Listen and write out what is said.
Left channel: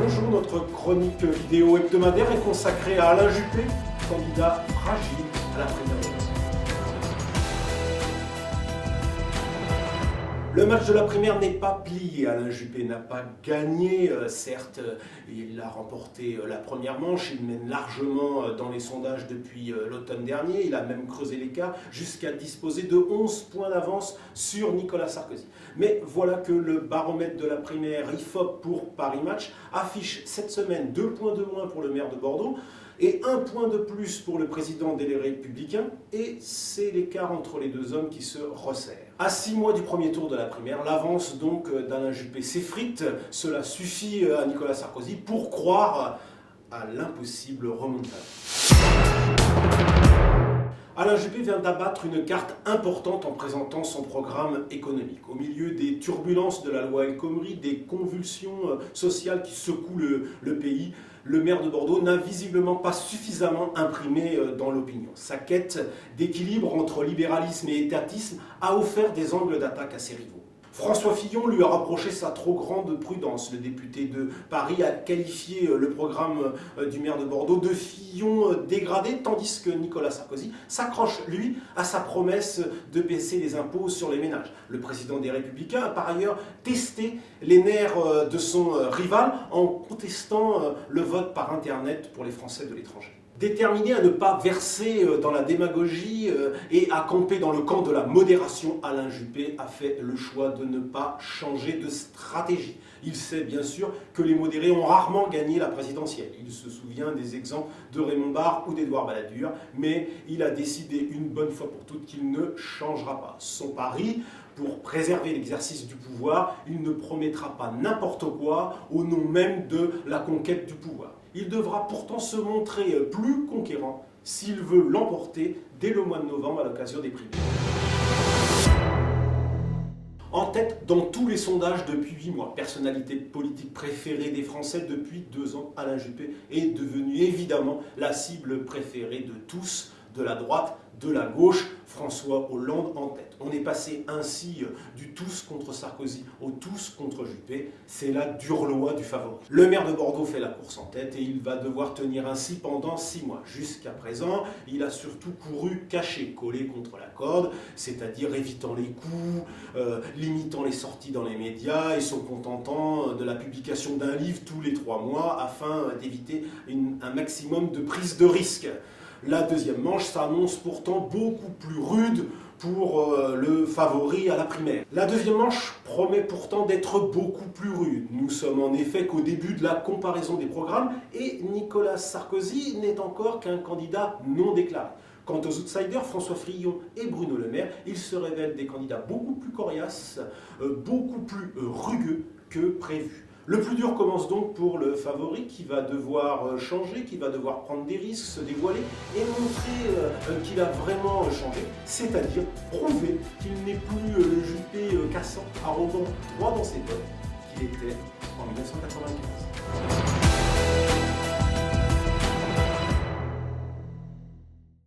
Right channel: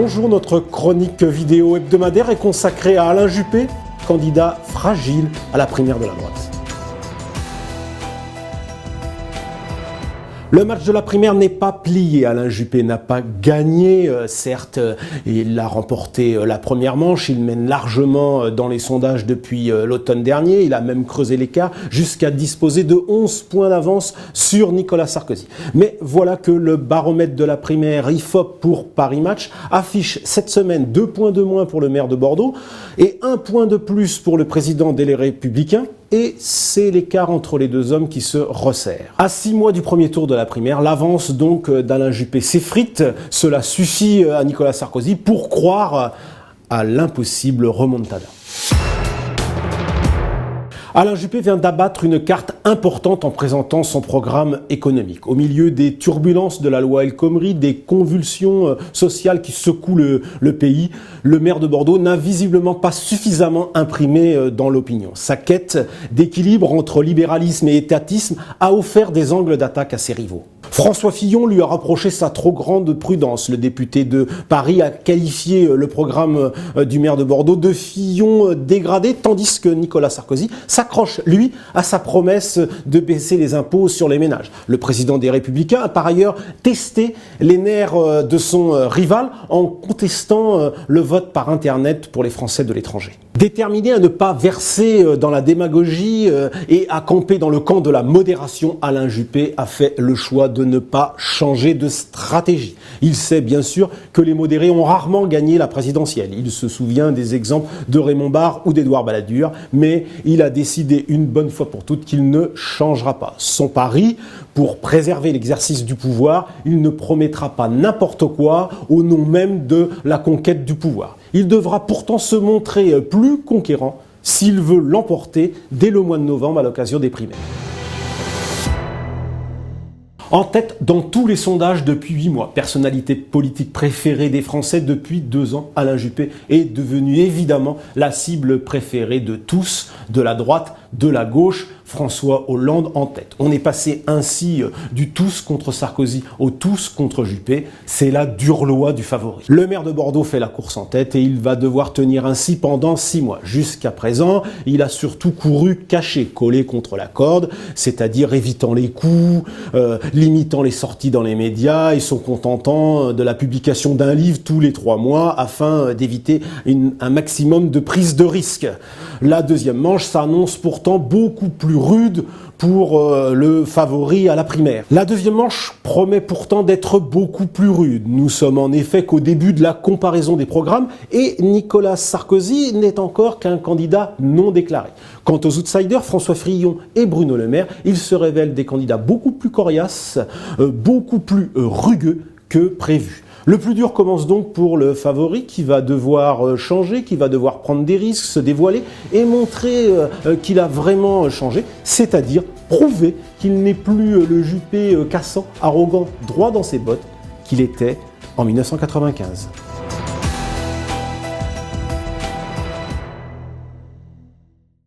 Bonjour, notre chronique vidéo hebdomadaire est consacrée à Alain Juppé, candidat fragile à la primaire de la droite. Le match de la primaire n'est pas plié. Alain Juppé n'a pas gagné, certes, il a remporté la première manche, il mène largement dans les sondages depuis l'automne dernier, il a même creusé l'écart jusqu'à disposer de 11 points d'avance sur Nicolas Sarkozy. Mais voilà que le baromètre de la primaire IFOP pour Paris Match affiche cette semaine 2 points de moins pour le maire de Bordeaux et 1 point de plus pour le président des Républicains. Et c'est l'écart entre les deux hommes qui se resserre. À 6 mois du premier tour de la primaire, l'avance donc d'Alain Juppé s'effrite. Cela suffit à Nicolas Sarkozy pour croire à l'impossible remontada. Alain Juppé vient d'abattre une carte importante en présentant son programme économique. Au milieu des turbulences de la loi El Khomri, des convulsions sociales qui secouent le pays, le maire de Bordeaux n'a visiblement pas suffisamment imprimé dans l'opinion. Sa quête d'équilibre entre libéralisme et étatisme a offert des angles d'attaque à ses rivaux. François Fillon lui a rapproché sa trop grande prudence. Le député de Paris a qualifié le programme du maire de Bordeaux de Fillon dégradé, tandis que Nicolas Sarkozy s'accroche, lui, à sa promesse de baisser les impôts sur les ménages. Le président des Républicains a par ailleurs testé les nerfs de son rival en contestant le vote par Internet pour les Français de l'étranger. Déterminé à ne pas verser dans la démagogie et à camper dans le camp de la modération, Alain Juppé a fait le choix de ne pas changer de stratégie. Il sait bien sûr que les modérés ont rarement gagné la présidentielle. Il se souvient des exemples de Raymond Barre ou d'Édouard Balladur, mais il a décidé une bonne fois pour toutes qu'il ne changera pas. Son pari, pour préserver l'exercice du pouvoir, il ne promettra pas n'importe quoi au nom même de la conquête du pouvoir. Il devra pourtant se montrer plus conquérant s'il veut l'emporter dès le mois de novembre à l'occasion des primaires. En tête dans tous les sondages depuis 8 mois, personnalité politique préférée des Français depuis 2 ans, Alain Juppé est devenu évidemment la cible préférée de tous, de la droite, de la gauche, François Hollande en tête. On est passé ainsi du tous contre Sarkozy au tous contre Juppé. C'est la dure loi du favori. Le maire de Bordeaux fait la course en tête et il va devoir tenir ainsi pendant 6 mois. Jusqu'à présent, il a surtout couru caché, collé contre la corde, c'est-à-dire évitant les coups, limitant les sorties dans les médias et se contentant de la publication d'un livre tous les 3 mois afin d'éviter un maximum de prise de risque. La deuxième manche s'annonce pourtant beaucoup plus rude pour le favori à la primaire. La deuxième manche promet pourtant d'être beaucoup plus rude. Nous sommes en effet qu'au début de la comparaison des programmes et Nicolas Sarkozy n'est encore qu'un candidat non déclaré. Quant aux outsiders, François Fillon et Bruno Le Maire, ils se révèlent des candidats beaucoup plus coriaces, beaucoup plus rugueux que prévu. Le plus dur commence donc pour le favori qui va devoir changer, qui va devoir prendre des risques, se dévoiler et montrer qu'il a vraiment changé, c'est-à-dire prouver qu'il n'est plus le Juppé cassant, arrogant, droit dans ses bottes qu'il était en 1995.